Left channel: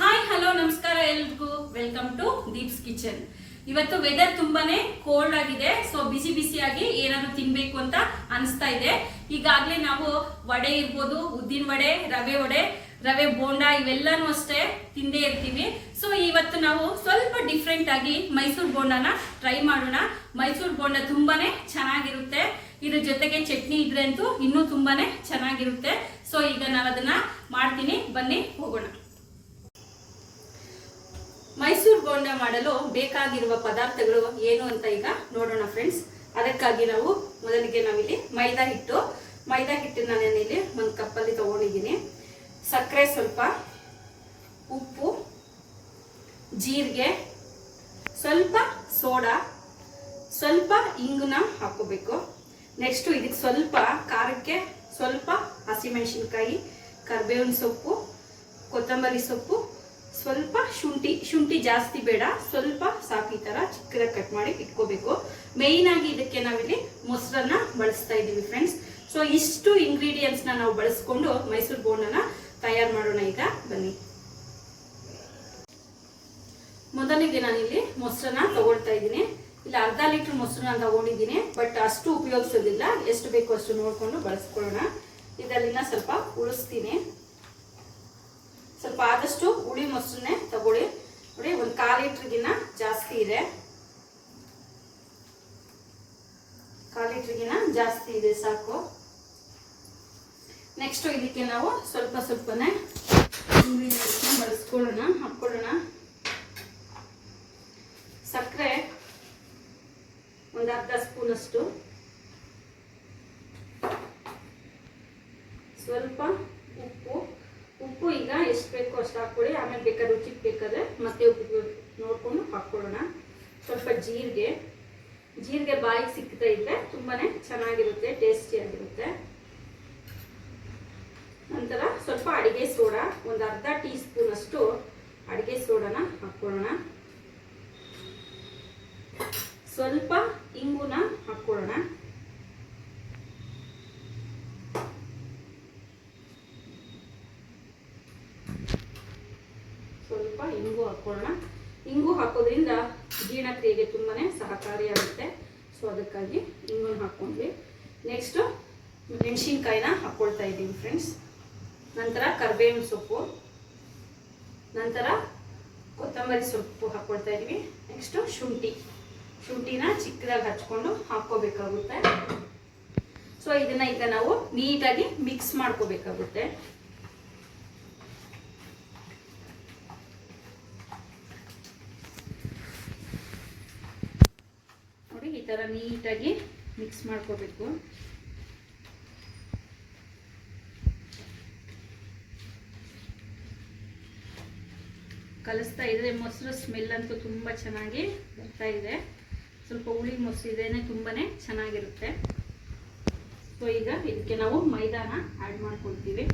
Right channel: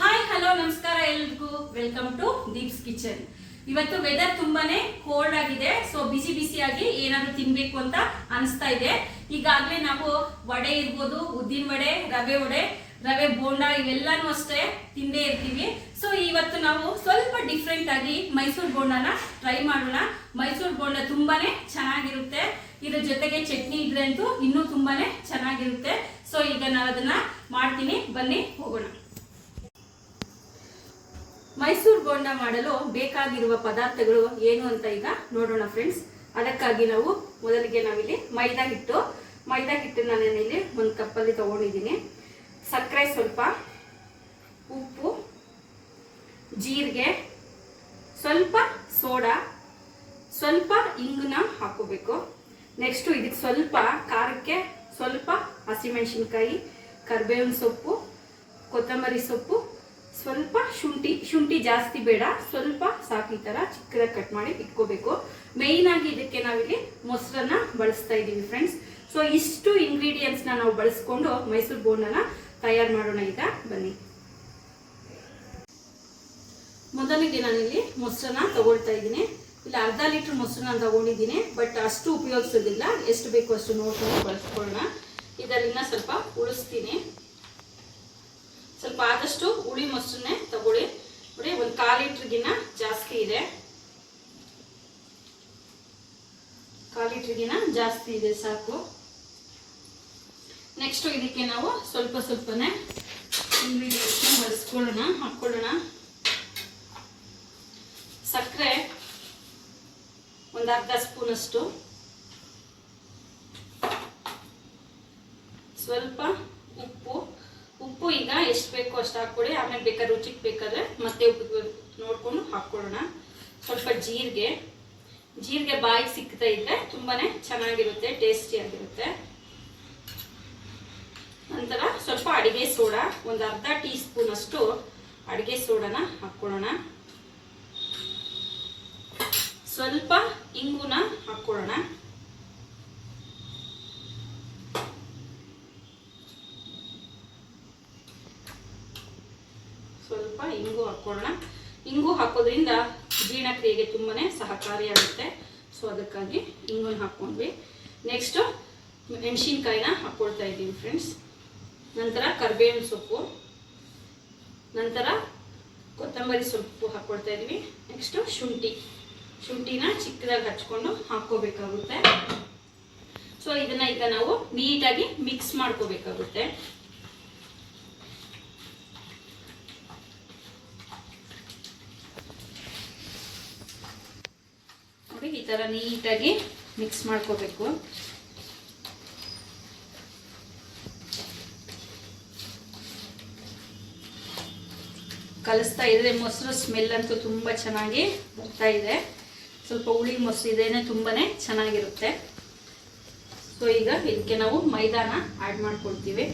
Hi hello ನಮಸ್ಕಾರ ಎಲ್ರಿಗೂ. Welcome to Deep's kitchen ಇವತ್ತು ವೆದರ್ ತುಂಬಾನೇ ಕೋಲ್ಡ್ ಆಗಿದೆ. ಸೊ ಬಿಸಿ ಬಿಸಿಯಾಗಿ ಏನಾದ್ರು ತಿನ್ಬೇಕು ಅಂತ ಅನಿಸ್ತಾ ಇದೆ. ಈಗಾಗಲೇ ನಾವು ವಡೆ ಇರ್ಬೋದು ಉದ್ದಿನ ವಡೆ ರವೆ ವಡೆ ರವೆ ಬೋಂಡ ಇವೆಲ್ಲಾನು ಅಷ್ಟೇ ತಿಂದೇ ಇರ್ತೀವಿ. ಸೊ ಇವತ್ತು ನಾವು ಸ್ವಲ್ಪ ಡಿಫ್ರೆಂಟ್ ಆಗಿ ಮೈಸೂರು ಬೋಂಡಾನ ಟ್ರೈ ಮಾಡೋಣ. ಮೈಸೂರು ಬೋಂಡ ತುಂಬಾನೇ ಚೆನ್ನಾಗಿರುತ್ತೆ. ಇದ್ರ ಜೊತೆಗೆ ಚಟ್ನಿ ಇದ್ರೆ ಅಂತೂ ಇನ್ನೂ ತುಂಬಾನೇ ಚೆನ್ನಾಗಿರುತ್ತೆ. ಸೊ ಈಗ ನಾವು ಅದನ್ನ ಮಾಡ್ತೀನಿ, ಬನ್ನಿ ಹೋಗೋಣ. ಮೈಸೂರು ಬೋಂಡ ಮಾಡಲು ಬೇಕಾಗಿರುವ ಪದಾರ್ಥಗಳು ಏನು ಅಂತ ಈಗ ನೋಡೋಣ ಫ್ರೆಂಡ್ಸ್ ಅದಕ್ಕಾಗಿ ನಾವು ಮೊದಲಿಗೆ ನಾವಿಲ್ಲಿ ಮೈದಾ ಹಿಟ್ಟು. ಮೈದಾ ಹಿಟ್ಟನ್ನ ನಾನಿಲ್ಲಿ ಒಂದು ಕಪ್ಪಲ್ಲಿ ತಗೊಂಡಿದ್ದೀನಿ. ಸಕ್ಕರೆ ಸ್ವಲ್ಪ, ಉಪ್ಪು, ಜೀರಿಗೆ, ಸ್ವಲ್ಪ ಸೋಡಾ, ಸ್ವಲ್ಪ ಇಂಗುನ ಹಾಕೋಬೇಕು ನೆಕ್ಸ್ಟ್ ಇದಕ್ಕೆ ಸ್ವಲ್ಪ ಖಾರಕ್ಕೆ ಸ್ವಲ್ಪ ಹಸಿಮೆಣಸಿನ್ಕಾಯಿ ಕರಿಬೇವಿನ ಸೊಪ್ಪು, ಕೊತ್ತಂಬರಿ ಸೊಪ್ಪು, ಸ್ವಲ್ಪ ಶುಂಠಿ ಶುಂಠಿ ಜಾಸ್ತಿ ಬೇಡ, ಸ್ವಲ್ಪ ಸಾಕು ಈ ಥರ ಚಿಕ್ಕದಾಗಿ ಕಟ್ ಮಾಡಿ ಇಟ್ಕೋಬೇಕು. ಮೇಯ್ನ್ ಆಗಿ ಇದಕ್ಕೆ ನಾವಿಲ್ಲಿ ಮೊಸರನ್ನ ಬಳಸ್ತಾ ಇದ್ದೀವಿ ಫ್ರೆಂಡ್ಸ್ ಸೊ ಇಷ್ಟು ಇಂಗ್ರೀಡಿಯೆಂಟ್ಸ್ನ ನಾವು ಬಳಸ್ಕೊಂಡು ಮೈಸೂರು ಬೋಂಡನ ತಯಾರು ಮಾಡೋಣ ಈಗ. ಬನ್ನಿ. ಮೊದಲಿಗೆ ನಾನಿಲ್ಲಿ ಮೊಸರನ್ನ ತಗೊಳ್ತಾ ಇದ್ದೀನಿ. ಇಲ್ಲಿ ಅರ್ಧ ಲೀಟರ್ ಮೊಸರನ್ನ ತಗೊಂಡಿದ್ದೀನಿ ಬಟ್ ಅಷ್ಟು ಉಪಯೋಗಿಸೋದಿಲ್ಲ. ಎಷ್ಟು ಬೇಕು ಅಷ್ಟು ನೋಡ್ಕೊಂಡು ಬಳಸ್ಕೊಳ್ಳೋಣ. ಇದಲ್ಲಿನ ಸ್ವಲ್ಪ ಉಳಿಸ್ತೀನಿ. ಸ್ವಲ್ಪ ಆದಷ್ಟು ಹುಳಿ ಮೊಸರನ್ನೇ ತಗೊಳ್ಳಿ. ನೋಡಿ, ಒಂದು ಕಾಲು ಲೀಟ್ರಿಗಿನ್ನ ಜಾಸ್ತಿ ಇದೆ. ಕಾಲು ಲೀಟ್ರಿಗಿನ ಜಾಸ್ತಿ ಇದೆ, ಸಾಕು. ನೆಕ್ಸ್ಟ್ ಇದಕ್ಕೆ ನಾವು ಸ್ವಲ್ಪ ಸ್ವಲ್ಪನೇ ಇಂಗ್ರೀಡಿಯೆಂಟ್ಸ್ನ ಬಳಸ್ಕೊಳ್ಳೋಣ ಹಾಕ್ಕೊಳ್ಳೋಣ. ಸಕ್ಕರೆ ಒಂದು ಅರ್ಧ ಸ್ಪೂನಷ್ಟು. ಸ್ವಲ್ಪ ಉಪ್ಪು. ಉಪ್ಪು ಈಗ ಎಷ್ಟು ಬೇಕೋ ಅಷ್ಟು ಹಾಕ್ಕೊಳ್ಳಿ ಆಮೇಲೆ ಬೇಕಾದ್ರೆ ರುಚಿಗೆ ಬೇಕಾದ್ರೆ ಮತ್ತೆ ಉಪ್ಪು ನೋಡ್ಕೊಂಡು ಹಾಕ್ಕೊಳ್ಳೋಣ. ಸ್ವಲ್ಪ ಜೀರಿಗೆ. ಜೀರಿಗೆ ಬಾಯಿಗೆ ಸಿಕ್ತಾ ಇದ್ರೆ ತುಂಬಾನೇ ಚೆನ್ನಾಗಿರುತ್ತೆ ಟೇಸ್ಟಿಯಾಗಿರುತ್ತೆ ನಂತರ ಸ್ವಲ್ಪ ಅಡಿಗೆ ಸೋಡಾ. ಒಂದು ಅರ್ಧ ಟೀ ಸ್ಪೂನ್ ಅಷ್ಟು ಅಡಿಗೆ ಸೋಡಾನ ಹಾಕ್ಕೊಳ್ಳೋಣ. ಸ್ವಲ್ಪ ಇಂಗುನ ಹಾಕ್ಕೊಳ್ಳೋಣ ಸ್ವಲ್ಪ ಇಂಗು ಹಾಕ್ಕೊಳ್ಳೋಣ ಇಂಗು ಹಾಕೋದ್ರಿಂದ ಜೀರ್ಣಕ್ರಿಯೆಗೆ ತುಂಬಾ ಸಹಕಾರಿಯಾಗುತ್ತೆ. ಸೊ ಅದಕ್ಕಾಗಿ ಇಂಗು ಹಾಕ್ಕೊಂಡ್ವಿ ನೆಕ್ಸ್ಟ್ ಮೆಣಸಿನ್ಕಾಯಿನ ಹಾಕ್ಕೊಳ್ತಾ ಇದ್ದೀನಿ ಫ್ರೆಂಡ್ಸ್ ನಂತರ ಕರ್ಬೇವಿನ ಸೊಪ್ಪು. ನಂತರ ಕೊತ್ತಂಬರಿ ಸೊಪ್ಪು ಹಾಕ್ಕೊಳ್ತಾ ಇದೀವಿ ನೆಕ್ಸ್ಟ್ ಶುಂಠಿ. ಶುಂಠಿನ ಚಿಕ್ಕದಾಗಿ ಹಚ್ಕೊಂಡು ಹಾಕ್ಕೋಬೇಕಾಗುತ್ತೆ. ಸೊ ಇದನ್ನ ಈಗ ನಾವು ನೀಟಾಗಿ ಮಿಕ್ಸ್ ಮಾಡ್ಕೋಬೇಕಾಗುತ್ತೆ ನೋಡಿ ಈ ಥರ ನೀಟಾಗಿ ಮಿಕ್ಸ್ ಮಾಡ್ಕೋಬೇಕು. ಕಲಿಸ್ತಾ ಇದ್ರೆ ಮೊಸರು ಸ್ಮೆಲ್ ಅಂತೂ ತುಂಬ ಚೆನ್ನಾಗಿ ಬರ್ತಾ ಇದೆ. ಸ್ವಲ್ಪ ಹುಳಿ ಮೊಸರು ಇದೇನೆ ತುಂಬಾನೇ ಚೆನ್ನಾಗಿರುತ್ತೆ. ಸೊ ಈಗ ಇದಕ್ಕೆ ನಾವು ಮೈದಾನ ಆ್ಯಡ್ ಮಾಡ್ಕೊಳ್ತೀವಿ.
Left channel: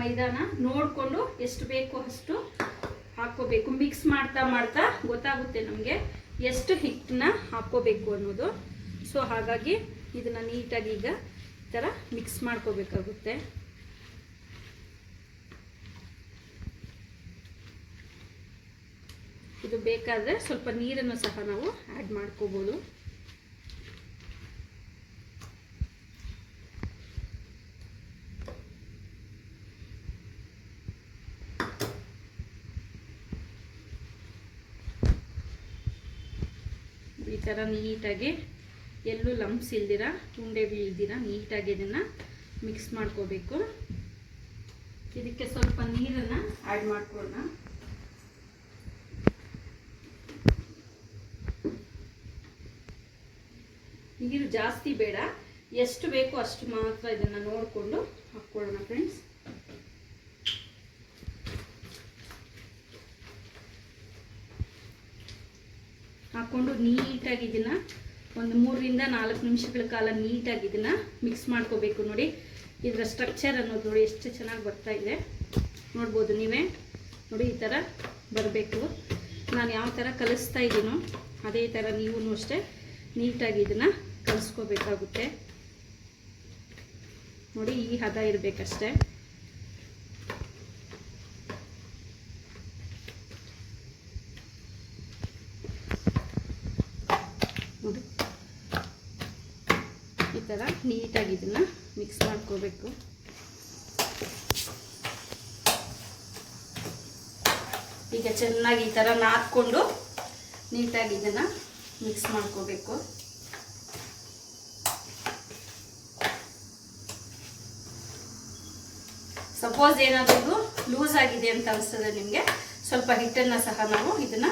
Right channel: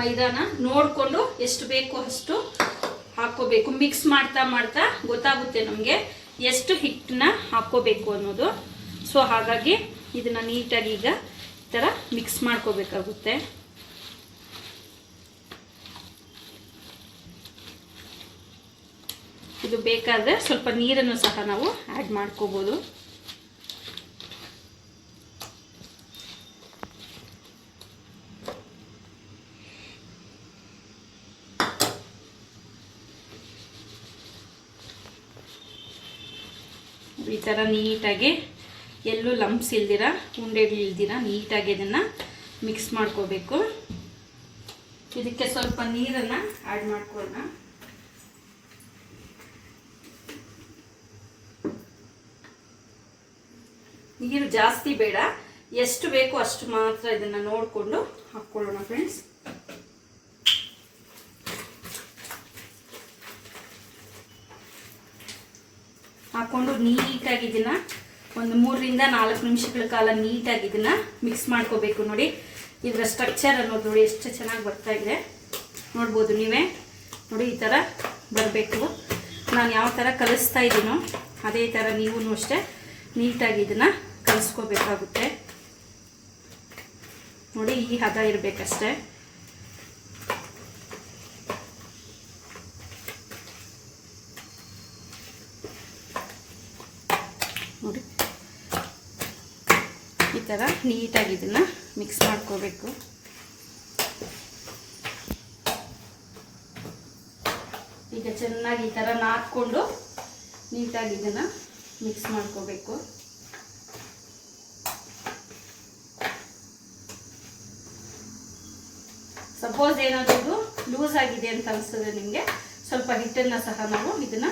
ಮೈದಾನ ನೋಡಿಕೊಂಡು ಎಷ್ಟು ಬೇಕೋ ಅಷ್ಟು ಹಾಕೋಬೇಕು ಮಿಕ್ಸ್ ಮಾಡ್ತಾ ಮಾಡ್ತಾ ಗೊತ್ತಾಗುತ್ತೆ ನಮಗೆ. ಎಷ್ಟು ಹಿಟ್ಟನ್ನ ಹಾಕ್ಕೋಬೇಕು ಅನ್ನೋದು. ಸೊ ಹಾಗಾಗಿ ಇದನ್ನು ನೀಟಾಗಿ ಈಗ ಈ ಥರ ಮಿಕ್ಸ್ ಮಾಡ್ಕೋಬೇಕಾಗುತ್ತೆ. ಇದು ಬೇಕಾದರೆ ಸ್ವಲ್ಪ ನೀರನ್ನು ಸಹ ನಾವು ಆ್ಯಡ್ ಮಾಡ್ಕೋಬೋದು. ಈ ಥರ ನೀಟಾಗಿ ಎಲ್ಲೂ ಲಂಪ್ಸ್ ಇಲ್ದಿರ ಉಂಡೆಗಳು ಇಲ್ದಿರ ನೀಟಾಗಿ ಇದನ್ನು ಮಿಕ್ಸ್ ಮಾಡ್ಕೋಬೇಕು. ಇದಕ್ಕೆ ಸ್ವಲ್ಪ ನೀರನ್ನು ಆ್ಯಡ್ ಮಾಡ್ಕೊಳ್ಳೋಣ. ನೀರು ಜಾಸ್ತಿ ಬೇಡ. ಎಷ್ಟು ಬೇಕೋ ಅಷ್ಟು ಮಾತ್ರ ಇದನ್ನು ನೋಡಿಕೊಂಡು ಹಾಕ್ಕೊಳ್ಳೋಣ ಫ್ರೆಂಡ್ಸ್ ಹಾಕ್ಕೊಂಡು ನೀಟಾಗಿ ಇದನ್ನು ಒಂದು ಮೂರರಿಂದ ನಾಲ್ಕು ನಿಮಿಷಗಳ ಕಾಲ ನೀಟಾಗಿ ಇದನ್ನು ಮಿಕ್ಸ್ ಮಾಡ್ಕೋಬೇಕು ನೋಡಿ. ಇದರ ಸ್ಟ್ರಕ್ಚರ್ ಅನ್ನೋದು ನೋಡಿ ಎಷ್ಟು ಚೆನ್ನಾಗಿ ಬರ್ತಾ ಇದೆ. ನೋಡ್ಬೋದು ನೀವೇ. ನೋಡಿ, ಈ ಥರ ಬರಬೇಕು. ನಾನು ಯಾವ ಥರ ಕಲಿಸ್ತಾ ಇದ್ದೀನೋ ಅದೇ ಥರ ನೀವು ಅಷ್ಟೇ ನೀಟಾಗಿ ಇದನ್ನು ಕಲಿಸ್ಕೋಬೇಕಾಗುತ್ತೆ. ನೋಡಿ, ಈ ಹದ ಇರಬೇಕಷ್ಟೇ ನೋಡಿ ಈ ಥರ ನೀಟಾಗಿ ಇದನ್ನು ಮಿಕ್ಸ್ ಮಾಡ್ಕೋಬೇಕು. ಈಗ ಚೆನ್ನಾಗಿ ಈ ಥರ ನಾದ್ಕೊಂಡು ನೀಟಾಗಿ ಇದನ್ನು ಮಿಕ್ಸ್ ಮಾಡ್ಕೋಬೇಕು. ಸಪೋಸ್ ಏನಾದರೂ ಲೂಸ್ ಆಗಿದೆ ಅಂತ ಅನಿಸ್ತದೆ ನಿಮಗೆ, ಸ್ವಲ್ಪ ಹಿಟ್ಟನ್ನು ಸಹ ನಾವು ಇದನ್ನು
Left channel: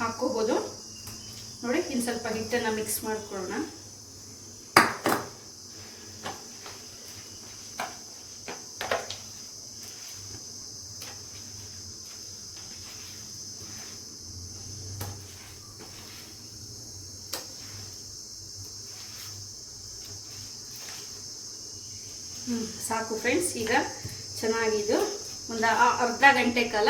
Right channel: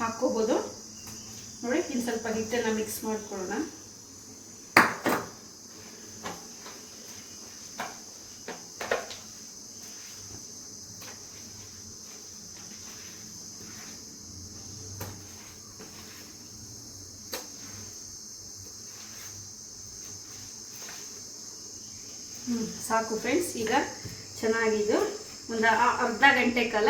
ಹಾಕ್ಕೋಬೋದು. ನೋಡಿ ಇನ್ನು ಸ್ವಲ್ಪ ಹಿಟ್ಟನ್ನು ಮಿಕ್ಸ್ ಮಾಡ್ಕೊಳ್ಳೋಣ. ಸಾಕು ಫ್ರೆಂಡ್ಸ್ ಈಗ ಚೆನ್ನಾಗಿದ್ದು. ಒಂದು ಅರ್ಧ ಗಂಟೆ ಕಾಲ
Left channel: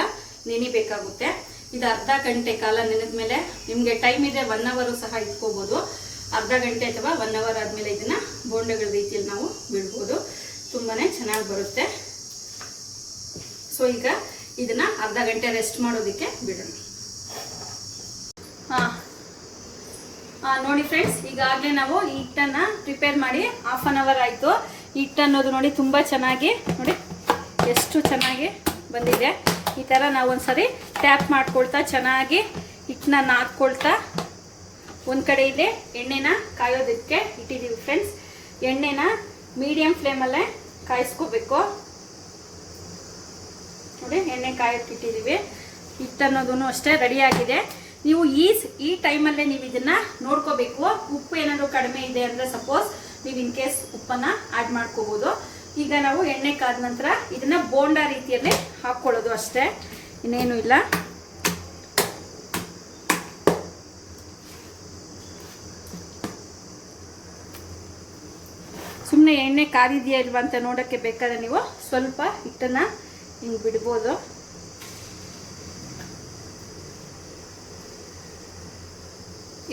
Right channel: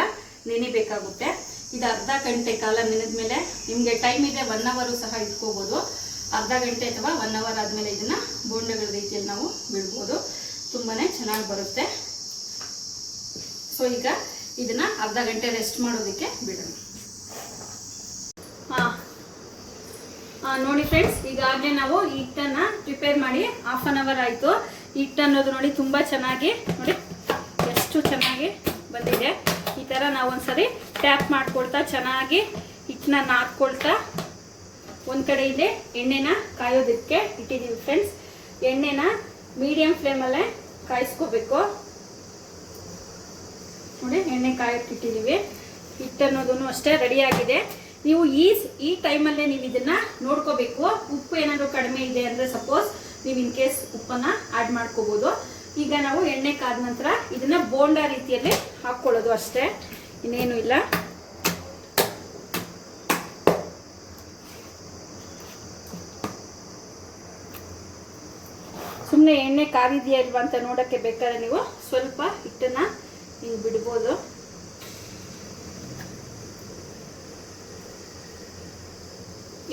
ನೆನಿಬೇಕಾಗುತ್ತೆ. ಇದು ಅರ್ಧ ಗಂಟೆ ಕಾಲ ನೆನೆದ ಮೇಲೆ ನಿಮಗೆ ಟೈಮ್ ಇದೆ ಒನ್ ಅವರು ಸಹ ಇಟ್ಕೋಬೋದು. ಅರ್ಧ ಗಂಟೆ ಅಥವಾ ಒನ್ ಅವರ್ ಆದಮೇಲೆ ಇದನ್ನು ಬೋಂಡಗಳ ರೀತಿಯಲ್ಲಿ ನಾವು ಬಿಡ್ಬೋದು. ತುಂಬಾ ಚೆನ್ನಾಗಿ ಬರುತ್ತೆ. ಸೊ ಈಗ ಇದನ್ನು ಅರ್ಧ ಗಂಟೆ ರೆಸ್ಟ್ ಮಾಡೋದಕ್ಕೆ ಬಿಡೋಣ. ಹಾಂ. ನೋಡಿ ಫ್ರೆಂಡ್ಸ್ ಈಗಾಗಲೇ ನಾವು ಹಿಟ್ಟನ್ನು ಪ್ರಿಪೇರ್ ಮಾಡಿ ಹಾಫ್ ಆನ್ ಅವರ್ ಆಯಿತು. ಹಿಟ್ಟು ಅನ್ನೋದು ನೋಡಿ ತುಂಬ ಚೆನ್ನಾಗಿ, ನೋಡಿ ಎಷ್ಟು ಚೆನ್ನಾಗಿ ಬಂದಿದೆ. ಈ ಥರ ನಾವು ಒಂದ್ಸರಿ ಟ್ಯಾಪ್ ಮಾಡ್ಕೊಳ್ತಾ ಚೆನ್ನಾಗಿ ಹಿಟ್ಟನ್ನ ನಾದ್ಕೊಳ್ತಾ ಒಂದು ಕಡೆ ಇದೆ ಎಣ್ಣೆನ ಕಾಯೋದಕ್ಕೆ ಇಟ್ಟಿದ್ದೀವಿ ಫ್ರೆಂಡ್ಸ್ ಎಣ್ಣೆನ ಮೀಡಿಯಂ ಫ್ಲೇಮಲ್ಲೇ ಕಾಯಿಸ್ಕೋಬೇಕು. ನೋಡಿ ಎಣ್ಣೆ ಕಾಯಕ್ಕೆ ಇಟ್ಟಿದ್ದೀವಿ ಹಿಟ್ಟು ಅನ್ನೋದು ಅಷ್ಟೇ ರೆಡಿ ಆಗಿದೆ. ನೀವು ಈ ಈ ಟೈಮಲ್ಲೇ ನೀವು ಇದನ್ನ ನೋಡ್ಕೋಬೇಕು. ಉಪ್ಪು ಏನಾದರೂ ಕಡಿಮೆ ಇದೆ ಅಂದರೆ ಸಪೋಸ್ ನೀವು ಇನ್ ಕೇಸ್ ಉಪ್ಪನ್ನ ಆಡ್ ಮಾಡ್ಕೋಬಹುದು ಈಗ ನಾವು ಎಣ್ಣೆ ಕಾದ ನಂತರ ಇದನ್ನ ಬೋಂಡಾ ರೀತಿಯಲ್ಲಿ ಹಾಕೊಳ್ಳೋದು ಅಷ್ಟೇ. ಇನ್ನೇನು ಇಲ್ಲ. ಸುಮ್ಮನೆ ಎಣ್ಣೆ ಕಾದಿದೆಯಾ ಇಲ್ವಾ ಅಂತ ನೋಡಕ್ಕೆ ಬೇಕಾದ್ರೆ ನೀವು ಸ್ವಲ್ಪ ಹಿಟ್ಟನ್ನ ನೀವು ಬಿಡ್ಬೋದು.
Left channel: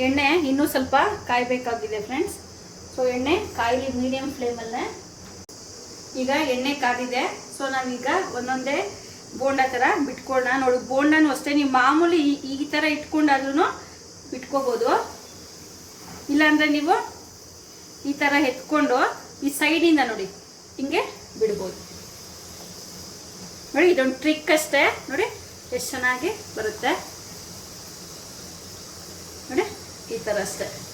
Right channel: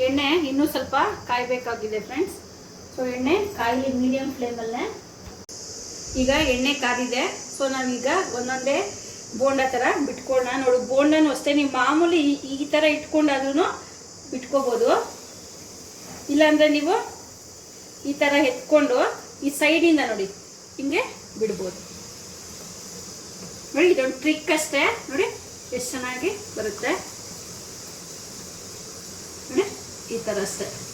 ಎಣ್ಣೆ ಇನ್ನೂ ಸ್ವಲ್ಪ ಕಾಯಬೇಕಾಗಿದೆ ಫ್ರೆಂಡ್ಸ್ ಸೊ ಎಣ್ಣೆ ಕಾಯಿಲಿ ಮೀಡಿಯಂ ಫ್ಲೇಮಲ್ಲೇ ಈಗ ಎಣ್ಣೆ ಕಾದಿದೆ. ಸೊ ನಾವೀಗ ಒಂದೊಂದೇ ಬೋಂಡ ಥರ ಬಿಟ್ಕೊಳ್ಳೋಣ ನೋಡಿ, ಬೋಂಡನೂ ಅಷ್ಟೇ, ನೀವು ಮಾಮೂಲಿ ಈ- ಥರ ಇಟ್ಕೊಂಡಾದ್ರೂ ಬಿಟ್ಕೋಬೋದು. ಇಲ್ಲಾಂದ್ರೆ ನೀವು ಈ ಥರ ಎತ್ಕೊಂಡು ಈ ಸೈಡಿಂದ ನೋಡಿ, ಹಿಂಗೆ ಬಿಡ್ಬೋದು. ನೋಡಿ, ಇದೊಂದು ಟ್ರಿಕ್ ಅಷ್ಟೇ. ನೋಡಿ, ಎಷ್ಟು ಚೆನ್ನಾಗಿ ಬರುತ್ತೆ. ನೋಡಿ, ಈ ಥರ ಅಷ್ಟೇ.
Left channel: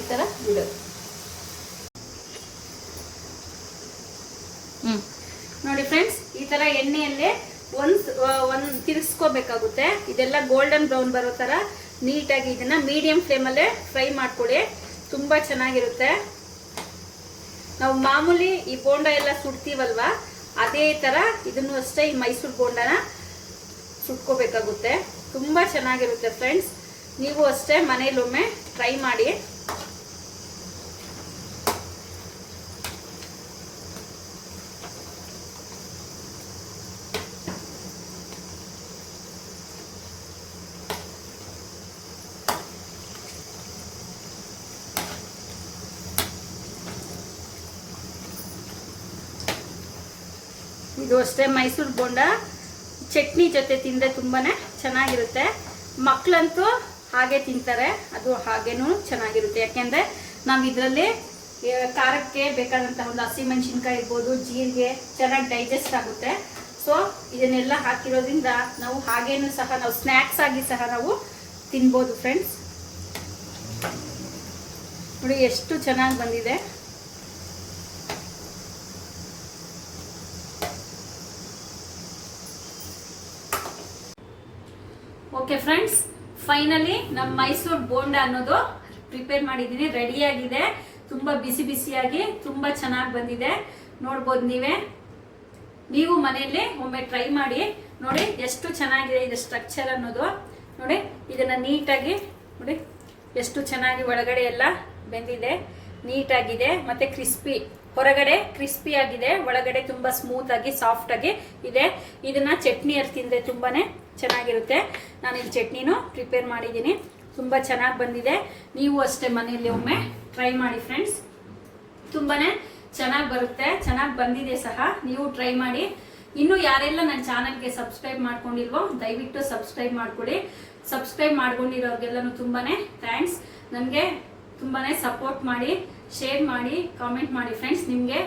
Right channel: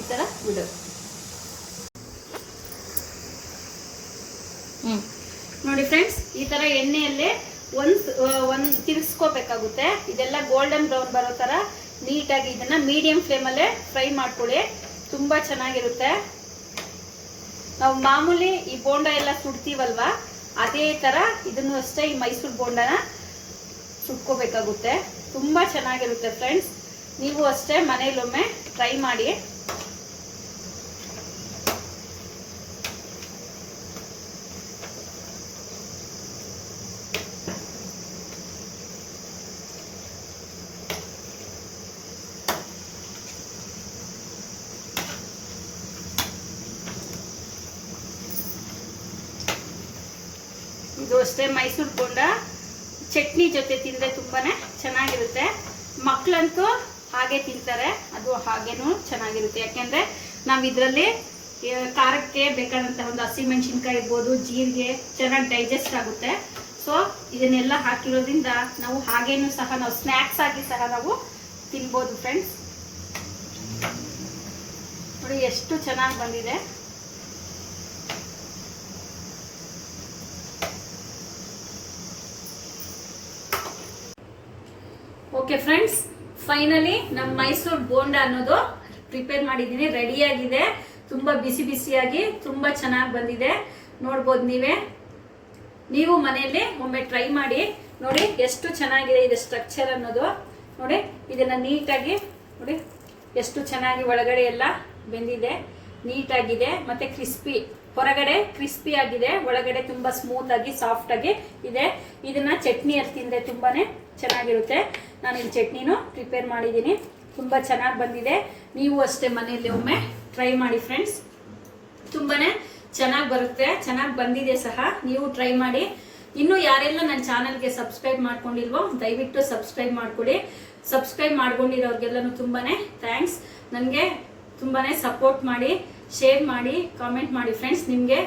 ಈ ಥರ ಬಿಡೋದು ನೋಡಿ ಫ್ರೆಂಡ್ಸ್ ಈ ತರ ಎಣ್ಣೆಯಲ್ಲೇ ಒಂದ್ ಒಂದ್ ತಿರ್ಸ್ಕೋಬೇಕಾಗುತ್ತೆ. ಇದೆಲ್ಲ ಗೋಲ್ಡನ್ ಬ್ರೌನ್ ಬರೋ ತರ ನೀಟಾಗಿ ಇದನ್ನ ಮೀಡಿಯಂ ಫ್ಲೇಮಲ್ಲೇ ಫ್ರೈ ಮಾಡ್ಕೊಳ್ಳಿ ತುಂಬಾ ಚೆನ್ನಾಗಿರುತ್ತೆ. ನಾವು ಮಾಮೂಲಿ ಈ ಬೋಂಡ ಎಲ್ಲ ಸುಡ್ತೀವಲ್ವಾ, ಅದೇ ತರ ಇದನ್ನು ಅಷ್ಟೇ ಈ ಮೈಸೂರು ಬೋಂಡನ ಸುಟ್ಕೋಬೇಕಾಗುತ್ತೆ. ತುಂಬಾ ಚೆನ್ನಾಗಿರುತ್ತೆ ಫ್ರೆಂಡ್ಸ್ ನೀವು ಅಷ್ಟೇ ಮನೇಲೊಮ್ಮೆ ಟ್ರೈ ಮಾಡಿ. ಇದು ಅಷ್ಟೇ ಮೈಸೂರು ಬೋಂಡ. ಚಟ್ನಿ ಜೊತೆ ತಿಂದರೆ ತುಂಬಾ ಚೆನ್ನಾಗಿರುತ್ತೆ. ಮಕ್ಕಳಂತೂ ಹಾಗೆ ತಿಂತಾರೆ. ಅದು ಹಾಗೇನೂ ಚೆನ್ನಾಗಿರುತ್ತೆ. ಯಾಕೆಂದರೆ ನಾವು ಇದರಲ್ಲಿ ಖಾರಕ್ಕೆ ಬೇಕಾದಂತಹ ಒಂದು ಹಸಿಮೆಣಸಿನ್ಕಾಯಿ ಇರ್ಬೋದು, ಜೀರಿಗೆ ಚೆನ್ನಾಗಿ ಡೈಜೆಸ್ಟ್ ಆಗುತ್ತೆ. ಸೊ ಇದನ್ನೆಲ್ಲ ಹಾಕಿರೋದ್ರಿಂದ ನಾವು ಹಾಗೇನು ಸಹ ನಾವು ಸ್ನ್ಯಾಕ್ಸ್ ಆಗಿ ಸಹ ನಾವು ತಿನ್ಬೋದು ಫ್ರೆಂಡ್ಸ್ ನೋಡಿ, ಎಷ್ಟು ಚೆನ್ನಾಗಿ ಬಂದಿದೆ. ಓಕೆ ಫ್ರೆಂಡ್ಸ್ ಫೈನಲಿ ನಮ್ಮ ಮೈಸೂರು ಬೋಂಡ ಅನ್ನೋದು ಪ್ರಿಪೇರ್ ಮಾಡಿದ್ದೀನಿ ರೆಡಿಯಾಗಿದೆ ತುಂಬ ಬಿಸಿ ಬಿಸಿಯಾಗಿ ತುಂಬ ಚೆನ್ನಾಗಿ ಬಂದಿದೆ. ನೋಡ್ಬೋದು ನೀವೇ. ನೀವು ಮನೆಯಲ್ಲಿ ಒಮ್ಮೆ ಟ್ರೈ ಮಾಡಿ. ನೋಡಿ, ಎಷ್ಟು ಚೆನ್ನಾಗಿದೆ ಇದು ಸ್ಟ್ರಕ್ಚರ್ ಅನ್ನೋದು. ನೋಡಿ, ಇದನ್ನ ನೀಟಾಗಿ, ನೋಡಿ, ಎಷ್ಟು ಚೆನ್ನಾಗಿ ಒಳಗಡೆ ಎಲ್ಲ ಬೆಂದಿದೆ. ನೀಟಾಗಿದೆ. ಮತ್ತೆ ಕ್ರಿಸ್ಪಿ ಹೊರಗಡೆ ಕ್ರಿಸ್ಪಿ ಆಗಿದೆ. ಒಳಗಡೆ ತುಂಬಾ ಸ್ಮೂತ್ ಆಗಿ ಸಾಫ್ಟ್ ಆಗಿ ಇದೆ. ಇದನ್ನ ಚಟ್ನಿ ತಿಂದ್ರೆ ತುಂಬಾನೇ. ಚೆನ್ನಾಗಿರುತ್ತೆ. ನಾನು ಇಲ್ಲಿ ಚಟ್ನಿನೂ ಪ್ರಿಪೇರ್ ಮಾಡಿದ್ದೀನಿ. ತುಂಬ ಚೆನ್ನಾಗಿ ಬಂದಿದೆ. ನೀವು ಅಷ್ಟೇ ಮನೆಯಲ್ಲಿ ಒಮ್ಮೆ ಟ್ರೈ ಮಾಡಿ ಫ್ರೆಂಡ್ಸ್ ತುಂಬಾನೇ ಚೆನ್ನಾಗಿ ಬರುತ್ತೆ. ಚೆನ್ನಾಗಿ ಬಂದಿದೆ ಸಹ. ನೀವು ಟ್ರೈ ಮಾಡಿ. ಇನ್ನು ಯಾರೆಲ್ಲ ನನ್ನ ಚಾನಲ್ಗೆ ಸಬ್ಸ್ಕ್ರೈಬ್ ಮಾಡ್ಕೊಂಡಿಲ್ವೋ, ದಯವಿಟ್ಟು ಸಬ್ಸ್ಕ್ರೈಬ್ ಮಾಡ್ಕೊಡಿ. ಸಬ್ಸ್ಕ್ರೈಬ್ ಮಾಡ್ಕೊಂಡಿರೋರ್ಗೆಲ್ಲನೂ ತುಂಬಾನೇ ಥ್ಯಾಂಕ್ಸ್ ನನಗೆ ತುಂಬಾನೇ ಸಪೋರ್ಟ್ ಮಾಡಿ ಶೇರ್ ಮಾಡಿ ಕಾಮೆಂಟ್ ಮಾಡಿ ಫ್ರೆಂಡ್ಸ್ ನಿಮಗೆ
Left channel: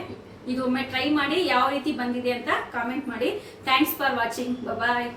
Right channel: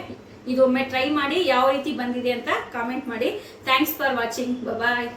ಇದೊಮ್ಮೆ ಟ್ರೈ ಮಾಡಿ, ಯಾವ ರೀತಿ ಬಂದಿದೆ ಅಂತ ಕಾಮೆಂಟ್ ಮಾಡಿ. Thanks for watching bye